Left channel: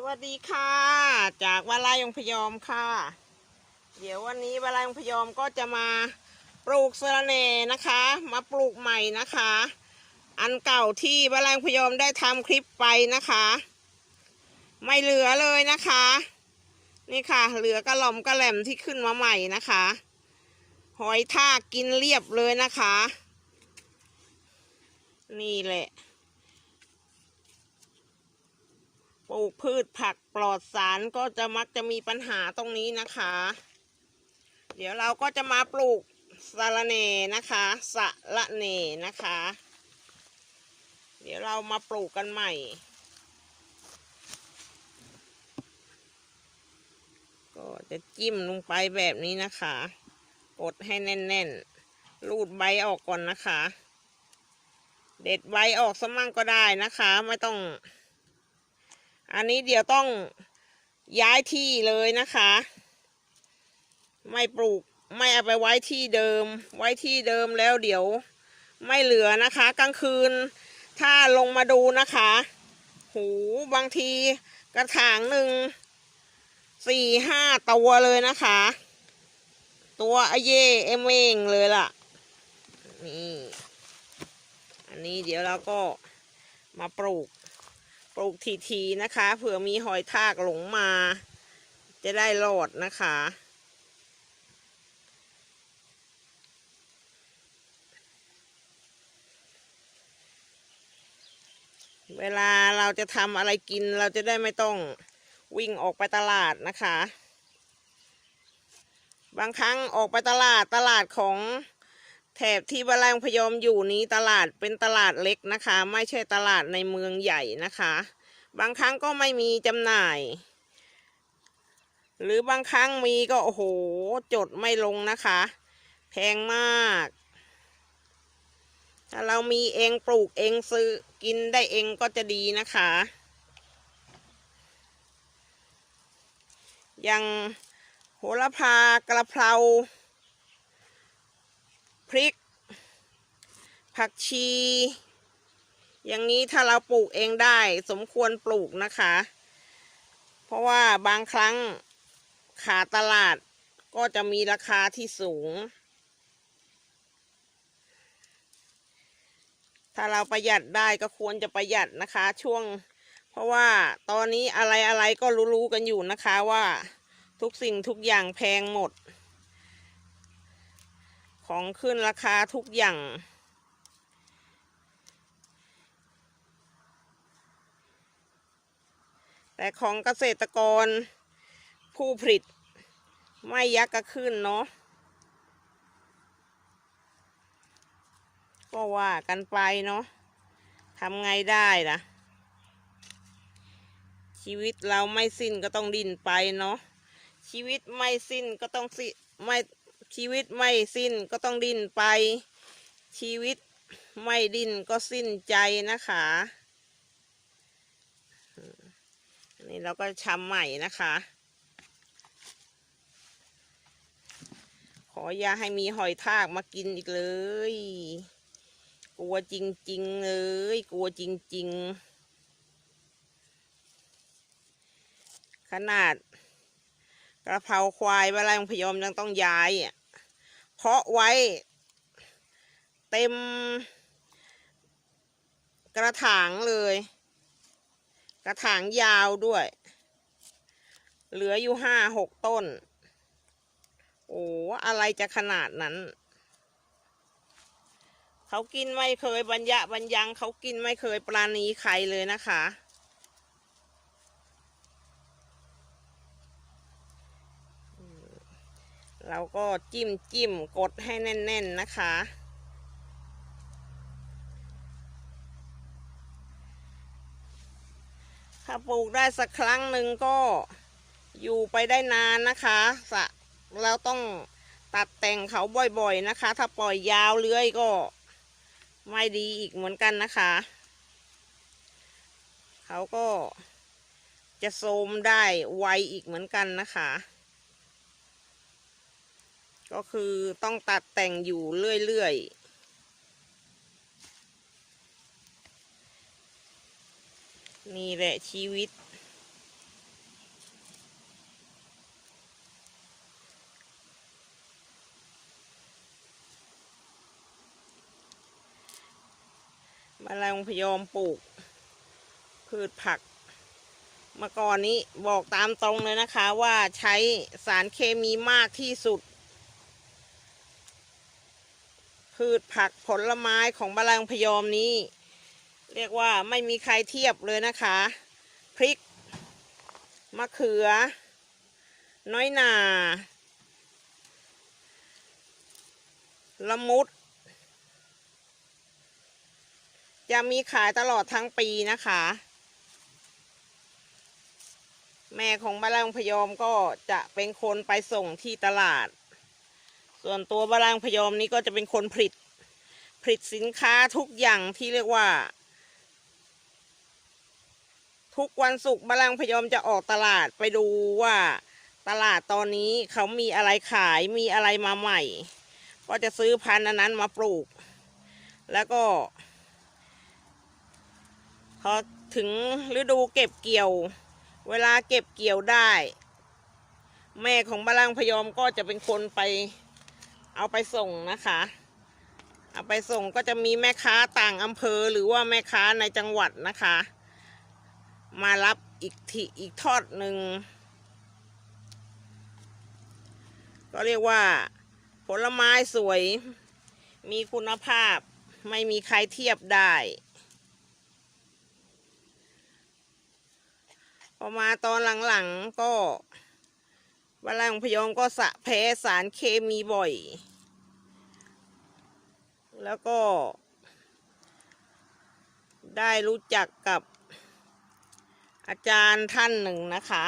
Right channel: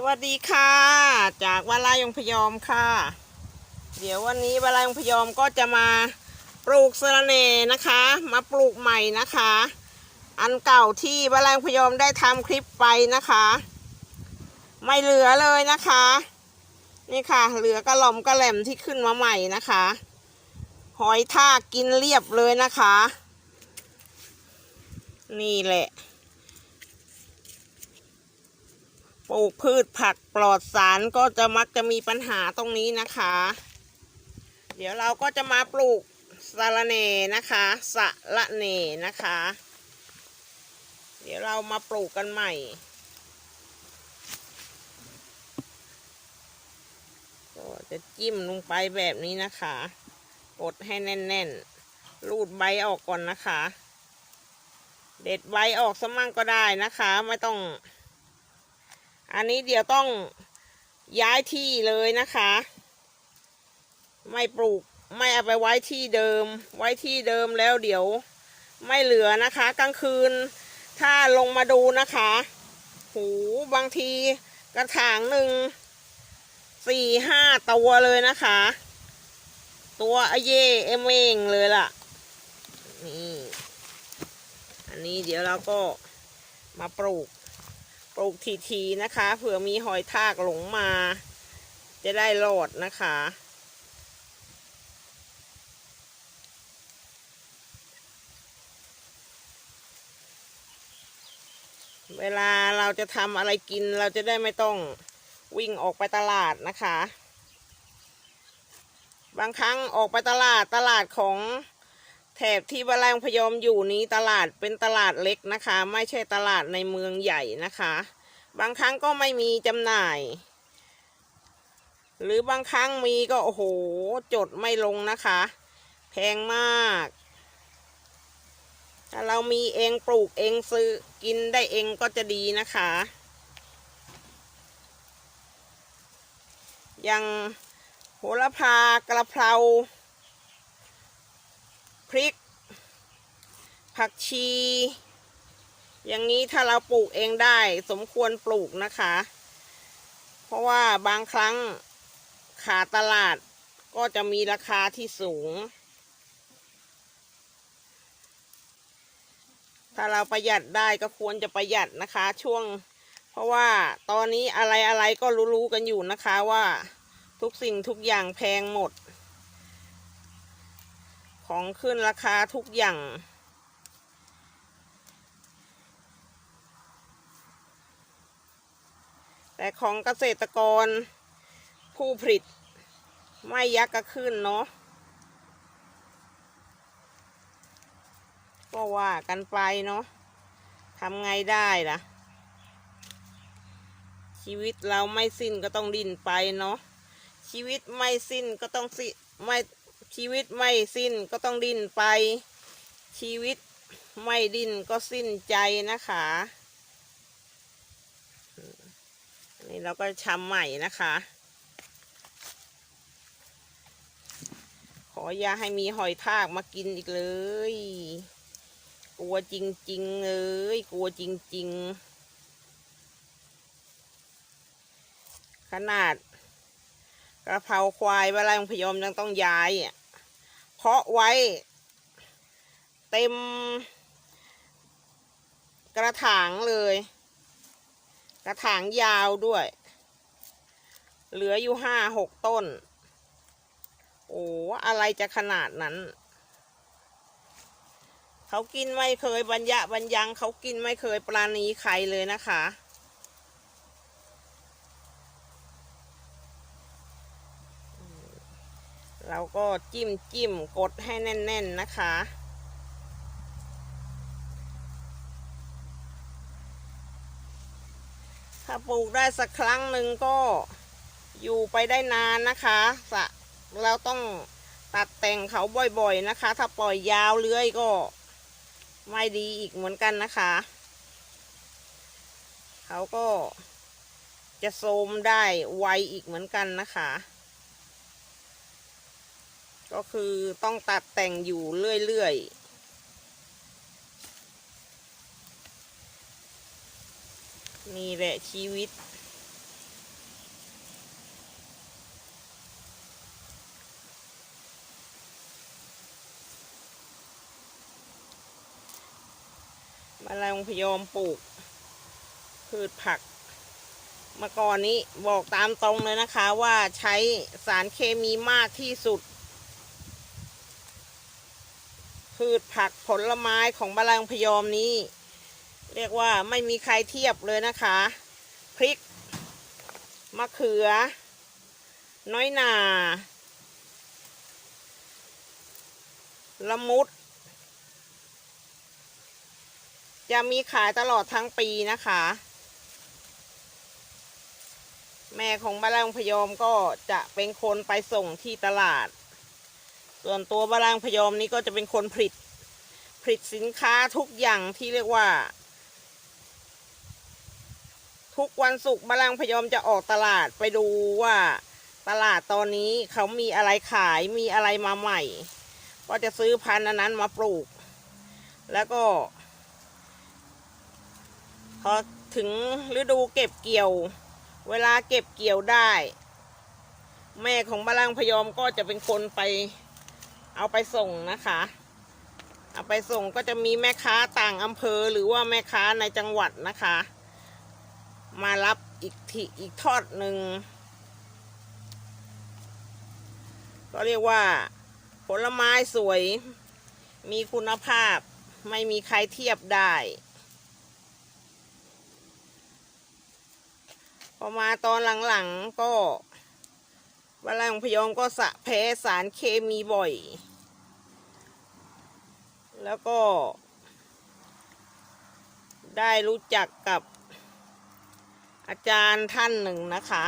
สวัสดีค่ะ จากวาลายงพยอมค่ะ เดี๋ยววันนี้วาลายงพยอมก็จะมาปลูกสะระเนนะคะ มาปลูกใหม่นะคะ อันเก่าที่วาลายงพยอมได้ทำคลิปไปนะคะ ไม่เหลือเลยนะคะ นี่ค่ะ เหลือกระหล่อมกระแหล่มที่ขึ้นมาใหม่นะคะ หอยทากกินเรียบเลยนะคะ นี่แหละ ปลูกพืชผักปลอดสารก็จะมักจะมีปัญหาตรงนี้นะคะ เดี๋ยวเราก็จะมาปลูกสะระเนนะคะสะระเนนะคะ เดี๋ยวเรามาปลูกกันใหม่ก็จะจิ้มลงไปแบบนี้นะคะกดให้แน่นๆ รูดใบออกก่อนนะคะ เด็ดใบออกสมั่งก็ได้นะคะ ไม่ต้อง อันนี้เดี๋ยวต้องย้ายที่เลยนะคะ ไม่ปลูกไม่เอาไปไว้ที่เดิม ไว้ที่เดิมแล้วเดี๋ยวไม่เหลือนะคะ กลางคืน ถ้าลงมาดูนะคะหูบางทีกระถางหนึ่งสี่ห้าตัวเลยนะคะ ตัวอเย่เอมเองเลยล่ะนี่อันนี้เดี๋ยวเราก็มาปลูก ปลูกทีๆนะคะ เผื่อมีหอยทากหลงมา จะได้รอดนะคะ เวลาเราจะทำอะไรกินเราจะได้ไม่ต้องวิ่งออกไปตลาดนะคะ บางครั้งออกไปตลาดตลาดของ แถบที่บาลงพยอมอยู่นี้ตลาดเป็นตลาดเล็กนะคะ ไม่ใช่ตลาดในเมืองใหญ่นะคะ บางครั้งก็ไม่มีจำหน่าย หรือบางครั้งมีก็ โอ้โห จดไม่ลงนะคะ แพงมากถ้าเรามีเองปลูกเองซื้อกินได้เองก็จะดีนะคะอย่างโหระพากระเพรา พริก ผักชี อย่างนี้ถ้าเราปลูกเองได้ สมควรปลูกนะคะ เพราะว่าบางครั้งขาดตลาดก็จะมีราคาที่สูง ถ้าเราประหยัดได้ก็ควรจะประหยัดนะคะช่วง เพราะว่าตอนนี้อะไรอะไรก็รู้ๆกันอยู่นะคะว่าทุกสิ่งทุกอย่างแพงหมด ของขึ้นราคาทุกอย่าง แต่ของเกษตรกรผู้ผลิต ไม่ยักกระขึ้นเนาะก็ว่ากันไปเนาะทำไงได้ล่ะ ชีวิตเราไม่สิ้นก็ต้องดิ้นไปเนาะชีวิตไม่สิ้นก็ต้องสิไม่ ชีวิตไม่สิ้นก็ต้องดิ้นไป ชีวิตไม่ดิ้นก็สิ้นใจนะคะนี่เราก็ชำใหม่นะคะ ขออย่าให้มีหอยทากมากินอีกเลย กลัวจริงๆเลย กลัวจริง ๆ ขนาด กระเพราควายเวลาพยอมยังต้องย้ายอะเพาะไว้ เต็ม กระถางเลย กระถางยาวด้วย เหลืออยู่ห้าหกต้น โอ้อะไรจะขนาดนั้น เขากินไม่เคยบรรยะบรรยังเขากินไม่เคยปราณีใครเลยนะคะ เราก็จิ้มจิ้มกดให้แน่น ๆนะคะ ถ้าปลูกได้สักครั้งหนึ่งก็อยู่ไปได้นานนะคะสะเราต้องตัดแต่งเขาบ่อยๆนะคะ ถ้าปล่อยยาวเลื้อยก็ไม่ดีอีกเหมือนกันนะคะ เขาก็จะโทมได้ไวอีกเหมือนกันนะคะ ก็คือต้องตัดแต่งอยู่เรื่อยๆนี่แหละชีวิต มาแรงพยอมปลูก พืชผักมาก่อนนี้บอกตามตรงเลยนะคะว่าใช้สารเคมีมากที่สุด พืชผักผลไม้ของบานไร่องพยอมนี้ เรียกว่าไม่มีใครเทียบเลยนะคะ พริก มะเขือ น้อยหนาละมุด จะมีขายตลอดทั้งปีนะคะ แม่ของบานแรงพยอมก็จะเป็นคนไปส่งที่ตลาด ส่วนตัวบานแรงพยอมนี้ก็จะเป็นคนผลิตผลิตสินค้าทุกอย่างที่เรียกว่า ทุกวันศุกร์บานแรงพยอมจะออกตลาดไปดูว่าตลาดตอนนี้เขามีอะไรขายมีอะไรมาใหม่ ก็จะซื้อพันธุ์นั้นมาปลูก แล้วก็พอถึงฤดูเก็บเกี่ยว เวลาเก็บเกี่ยวได้ แม่ของบาล่างพยอมก็จะเป็นคนไป เอาไปส่งนะคะ เอาไปส่งก็จะมีแม่ค้าต่างอำเภอหรือว่าแม่ค้าในจังหวัดนะคะ มารับอีกทีอีกทอดหนึ่งก็เรียกว่า ผลไม้สวย มีคุณภาพไม่มีใครเทียบได้ พอมาตอนหลังๆก็วลาของพยอมก็สะแพ้สารเคมีบ่อย แล้วก็ ได้รู้จักกับอาจารย์ท่านหนึ่งนะคะ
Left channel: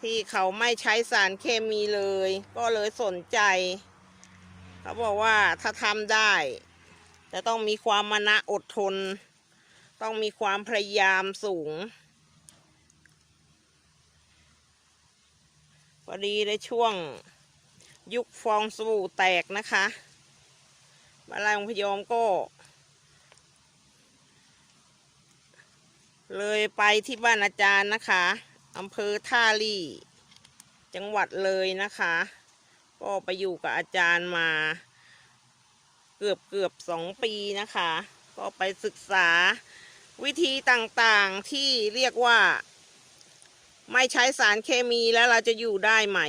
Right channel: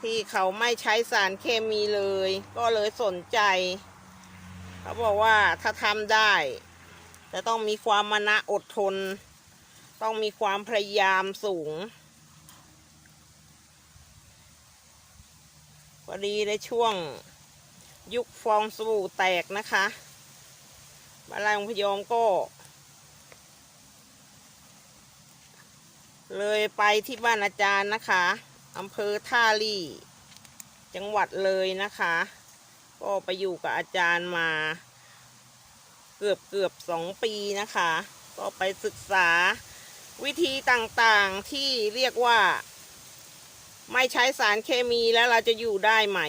ที่เขาไม่ใช้สารเคมีเลย ก็เลยสนใจ เขาบอกว่าถ้าทำได้จะต้องมีความมานะอดทน ต้องมีความพยายามสูงพอดีในช่วงยุคฟองสบู่แตกนะคะ บาลายองพยอมก็ เลยไปที่บ้านอาจารย์นะคะอำเภอท่าลี่ จังหวัดเลยนะคะ ก็ไปอยู่กับอาจารย์มาเกือบเกือบสองปีนะคะ ก็ไปศึกษาวิธีต่างๆที่เรียกว่า ไม่ใช้สารเคมีแล้วเราจะอยู่ได้ไหม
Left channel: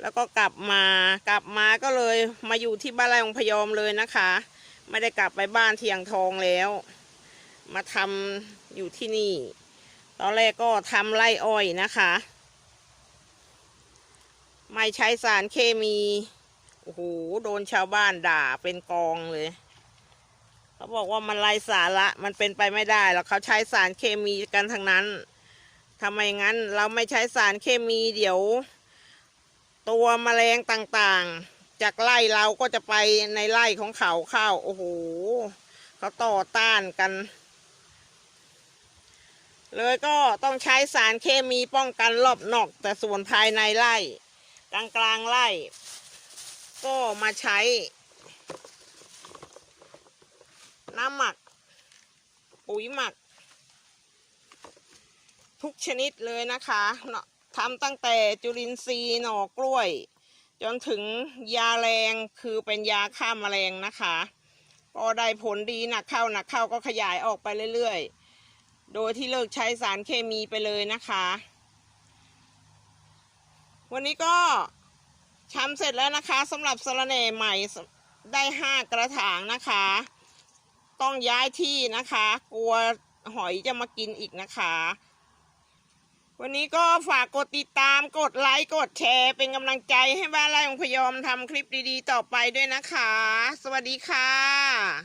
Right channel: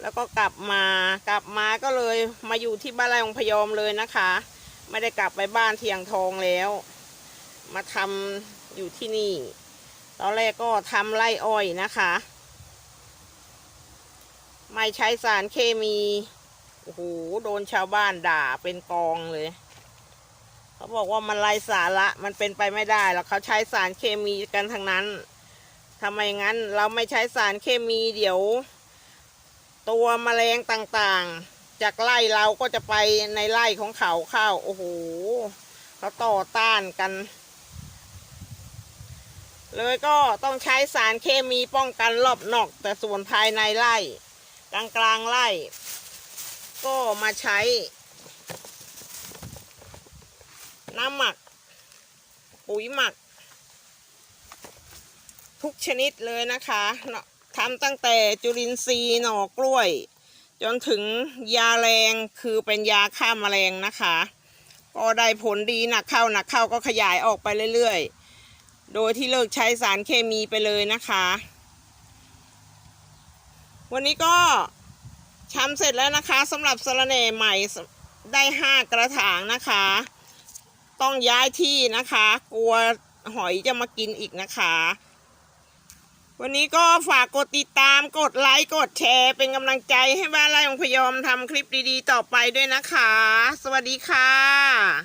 แล้วก็กลับมากลับมาก็เลยมาอยู่ที่บ้านไร่องพยอมเลยนะคะ ไม่ได้กลับไปบ้านเทียงทองแล้ว มาทำอยู่ที่นี่ ตอนแรกก็ทำไร่อ้อยนะคะ ไม่ใช้สารเคมีโอ้โหโดนชาวบ้านด่าเป็นกองเลยเขาบอกว่ามันไร้สาระมันเป็นไปไม่ได้แล้วเขาใช้สารเคมีกันทั้งนั้นทำไมงั้นเราไม่ใช้สารเคมีเดี๋ยว ตัวแมลงต่างๆ จากไร่เราก็จะไปในไร่ของเขาเข้าโอ้โหเขาต่อต้านกัน เลยก็ต้องใช้สารเคมีป้องกันรอบนอก แต่ส่วนภายในไร่ กลางกลางๆไร่ ก็มาใช้ น้ำหมัก ปุ๋ยหมัก ทุกชนิดเลยนะคะเนาะ ทำตั้งแต่จุลินทรีย์หน่อกล้วย จนถึงยาแรงคือเป็นยาฆ่าแมลงนะคะ ก็ได้ผลดีหนักเข้าหนักเข้าก็ขยายออกไปเรื่อยๆ โดยที่เลิกใช้สารเคมีไปเลยนะคะ วันนี้ก็ทำเสร็จแล้วนะคะสำหรับสะระแหน่ใหม่ได้ห้ากระถางนะคะ ต้องย้ายที่นะคะ กลัวหอยจะมากินอีกนะคะ วันนี้ก็ฝากกดติดตามกดไลค์กดแชร์ เป็นกำลังใจให้บ้านไร่ของพยอมทำคลิปดีๆ ต่อไปด้วยนะคะ สวัสดีค่ะ